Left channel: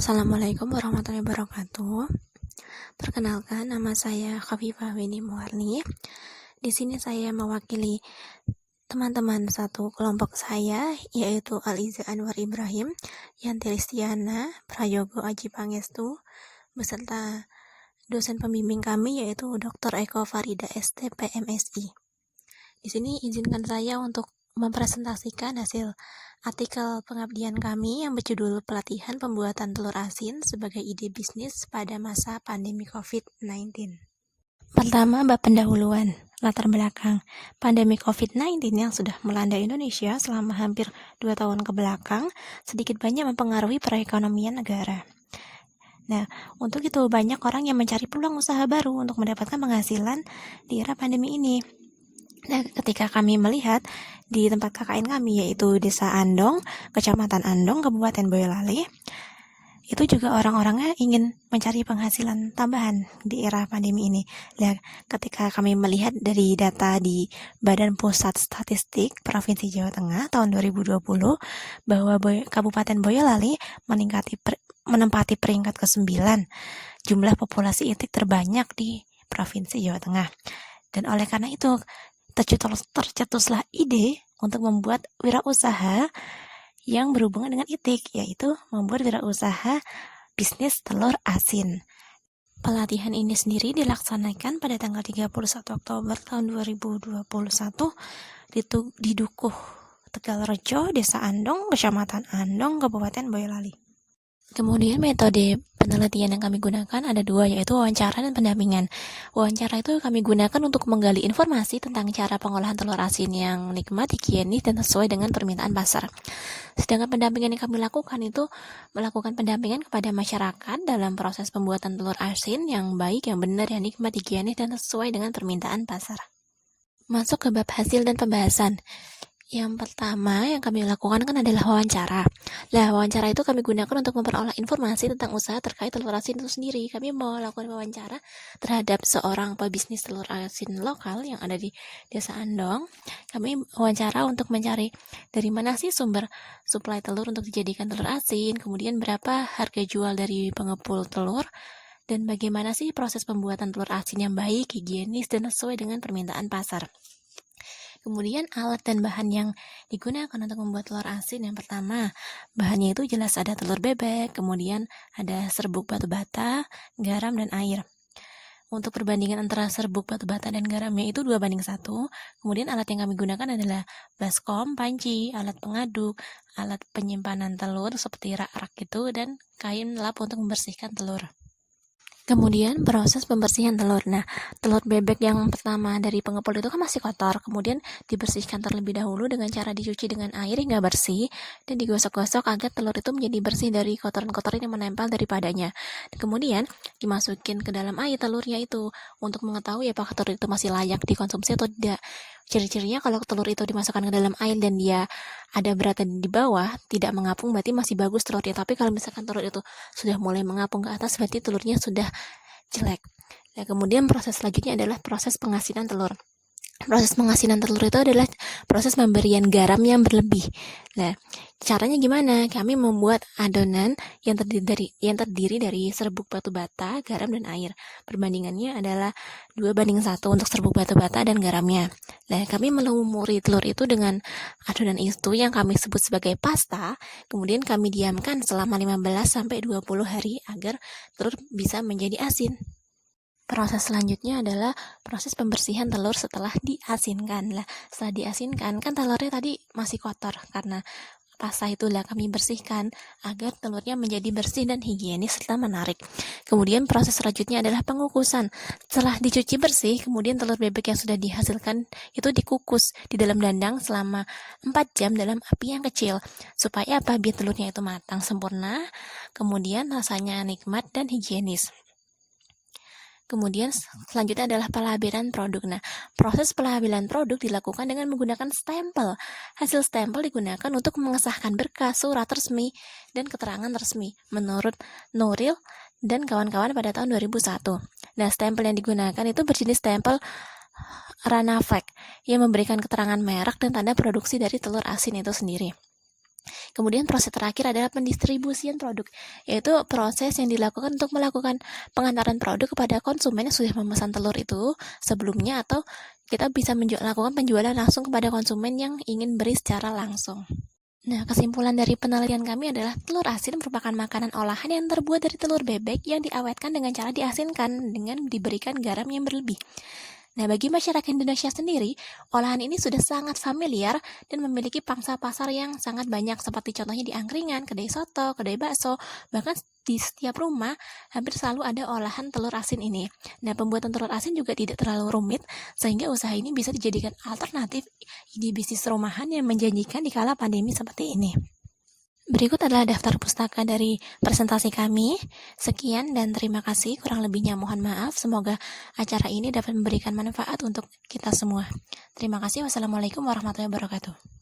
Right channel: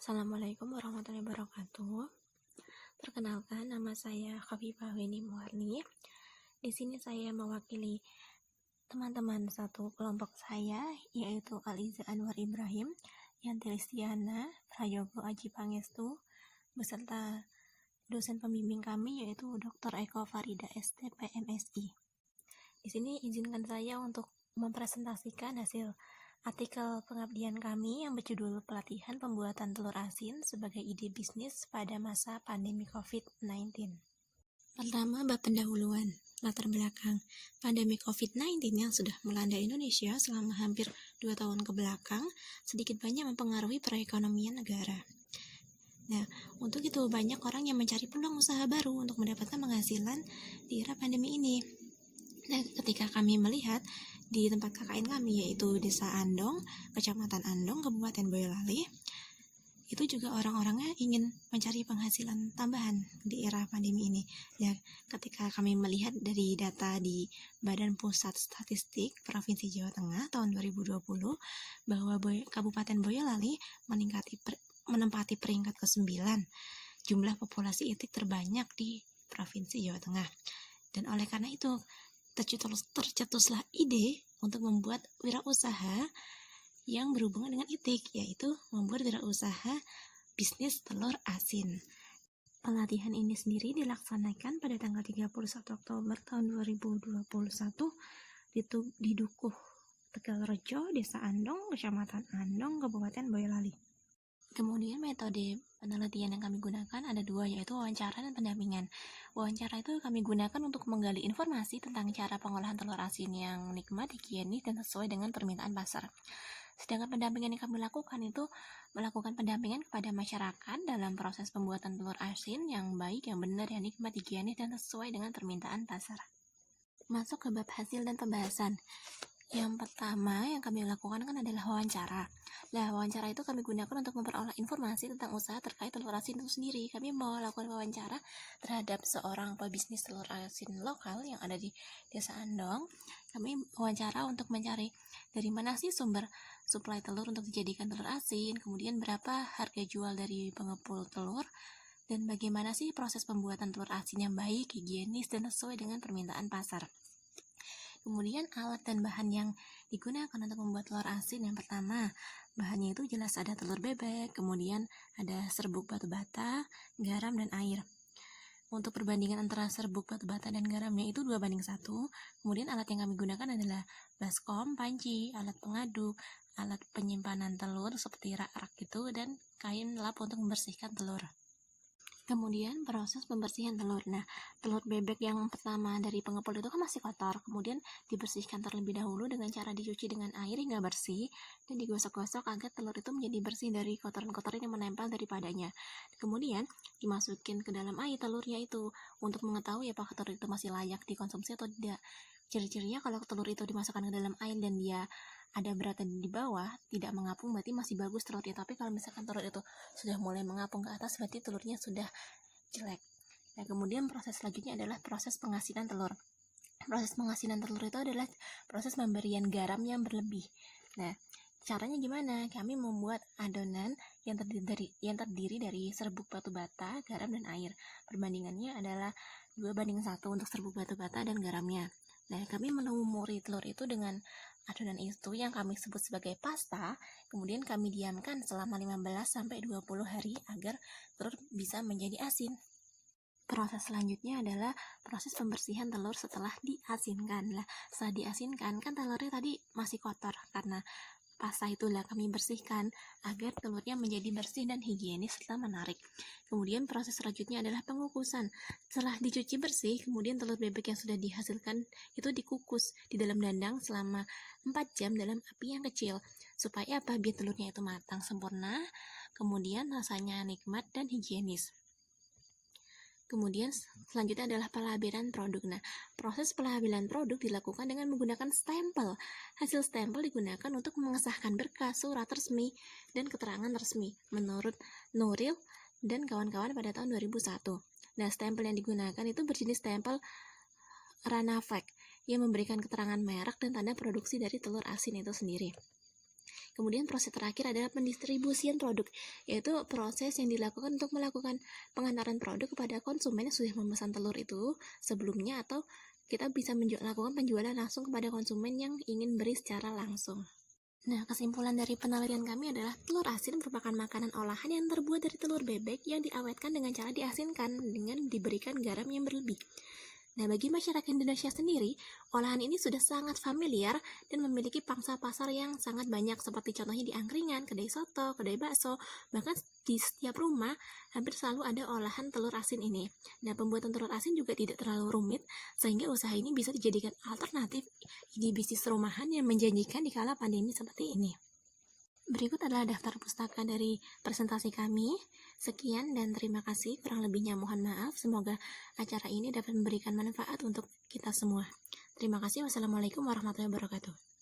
Assalamualaikum warahmatullahi wabarakatuh. Perkenalkan, nama saya Khafifah Winnie Muarni. Di sini saya mewakili teman-teman satu kelompok saya, yaitu Aliza Anwar Ibrahim, Yanti Listiana, Prayogo Aji Pangestu, beserta dosen pembimbing kami yaitu Dr. Eko Farida ST PMSI. Di sini izinkan saya untuk mempresentasikan hasil artikel pengabdian kami yang berjudul Pelatihan Pembuatan Telur Asin sebagai Ide Bisnis pada Masa Pandemi COVID-19. Pertama, bab pendahuluan, latar belakang. Pandemi COVID-19 yang sudah melanda Indonesia selama hampir 2 tahun ke belakang sedikit banyak mempengaruhi perekonomian negara. Nah, untuk itu banyak orang yang mencari peluang usaha baru untuk mendapatkan penghasilan di era pandemi ini. Nah, ketika kami melihat di tempat KKN kami, yaitu Desa Andong, Kecamatan Andong, Kabupaten Boyolali, itu juga orang-orangnya ingin mencari penghasilan tambahan di era pandemi ini. Nah, ketika kami melihat dari data di Badan Pusat Statistik Provinsi Jawa Tengah tahun 2020, bahwa Kabupaten Boyolali menempati peringkat ke-9 jumlah populasi itik terbanyak di Provinsi Jawa Tengah. Dan oleh karena itu, tercetuslah ide untuk membuat wirausaha yang berhubungan dengan itik, yaitu membuat wirausaha bisnis telur asin. Pelatihan ini sendiri dilaksanakan pada tanggal 31 Oktober tahun 2021 di Dukuh Tegalrejo, Desa Andong, Kecamatan Andong, Kabupaten Boyolali. Kemudian metode penelitian yang kami gunakan ada 2, yaitu wawancara dan pendampingan. Wawancara itu kami gunakan untuk menggali informasi tentang cara pengolahan telur asin yang nikmat, higienis, dan sesuai dengan permintaan pasar. Sedangkan pendampingan yang kami lakukan itu melakukan pendampingan kepada masyarakat dalam proses pembuatan telur asin yang baik, yang benar, yang nikmat, higienis, dan sesuai dengan permintaan pasar. Masuk ke bab hasil dan pembahasan. Yang pertama yang kami lakukan kan adalah wawancara. Wawancara itu kami gunakan untuk memperoleh informasi tentang usaha terkait telur asin itu sendiri. Kami mau lakukan wawancara terhadap seorang pebisnis telur asin lokal yang ada di Desa Andong. Kami wawancara untuk mencari dari mana sih sumber suplai telur untuk dijadikan telur asin, kemudian berapa harga jual dari pengepul telur, dan bagaimana sih proses pembuatan telur asin yang baik, higienis, dan sesuai dengan permintaan pasar. Kemudian alat dan bahan yang digunakan untuk membuat telur asin, yang pertama, bahannya itu jelas ada telur bebek, kemudian ada serbuk batu bata, garam, dan air. Untuk perbandingan antara serbuk batu bata dan garamnya itu 2:1. Kemudian alat yang kami gunakan adalah baskom, panci, alat pengaduk, alat penyimpanan telur seperti rak-rak gitu, dan kain lap untuk membersihkan telur. Kemudian proses pembersihan telur. Telur bebek yang pertama dari pengepul itu kan masih kotor, kemudian dibersihkan terlebih dahulu dengan cara dicuci dengan air hingga bersih dan digosok-gosok agar telur itu menjadi bersih dari kotoran-kotoran yang menempel daripadanya. Kemudian dimasukin ke dalam air telurnya itu untuk mengetahui apakah telur itu masih layak dikonsumsi atau tidak. Ciri-cirinya kalau telur itu dimasukkan ke dalam air dan dia ada beratnya di bawah, tidak mengapung, berarti masih bagus telurnya. Tapi kalau misalkan telur itu sudah mulai mengapung ke atas, berarti telurnya sudah jelek. Kemudian proses selanjutnya adalah proses pengasinan telur. Proses pengasinan telur itu adalah proses pemberian garam yang berlebih. Caranya gimana? Kami membuat adonan yang terdiri dari serbuk batu bata, garam, dan air. Perbandingannya adalah 2:1 untuk serbuk batu bata dan garamnya. Kami melumuri telur itu dengan adonan itu yang kami sebut sebagai pasta. Kemudian kami diamkan selama 15-20 hari agar telur bisa menjadi asin. Proses selanjutnya adalah proses pembersihan telur setelah diasinkan. Setelah diasinkan kan telurnya tadi masih kotor, karena pasta itulah kami bersihkan agar telurnya menjadi bersih dan higienis serta menarik. Kemudian proses selanjutnya adalah pengukusan. Setelah dicuci bersih, kemudian telur bebek yang sudah dihasilkan itu dikukus di dalam dandang selama 4 jam dalam api yang kecil. Supaya apa? Biar telurnya itu matang sempurna, kemudian rasanya nikmat dan higienis. Kemudian selanjutnya adalah pelabelan produk. Proses pelabelan produk dilakukan dengan menggunakan stempel. Hasil stempel digunakan untuk mengesahkan berkas, surat resmi, dan keterangan resmi menurut Nuril dan kawan-kawan pada tahun 2001. Stempel yang digunakan itu berjenis stempel Ranafek yang memberikan keterangan merek dan tanda produksi dari telur asin itu sendiri. Kemudian proses terakhir adalah pendistribusian produk, yaitu proses yang dilakukan untuk melakukan pengantaran produk kepada konsumen yang sudah memesan telur itu sebelumnya, atau kita bisa lakukan penjualan langsung kepada konsumen yang ingin beri secara langsung. Nah, kesimpulan dari penelitian kami adalah telur asin merupakan makanan olahan yang terbuat dari telur bebek yang diawetkan dengan cara diasinkan dengan diberikan garam yang berlebih. Nah, bagi masyarakat Indonesia sendiri, olahan ini sudah sangat familiar dan memiliki pangsa pasar yang sangat banyak, seperti contohnya di angkringan, kedai soto, kedai bakso, bahkan di setiap rumah hampir selalu ada olahan telur asin ini. Nah, pembuatan telur asin juga tidak terlalu rumit, sehingga usaha ini bisa dijadikan alternatif di bisnis rumahan yang menjanjikan di kala pandemi seperti ini. Berikut adalah daftar pustaka dari presentasi kami. Sekian dan terima kasih. Kurang lebihnya mohon maaf. Semoga acara ini dapat memberikan manfaat untuk kita semua. Terima kasih. Wassalamualaikum warahmatullahi wabarakatuh.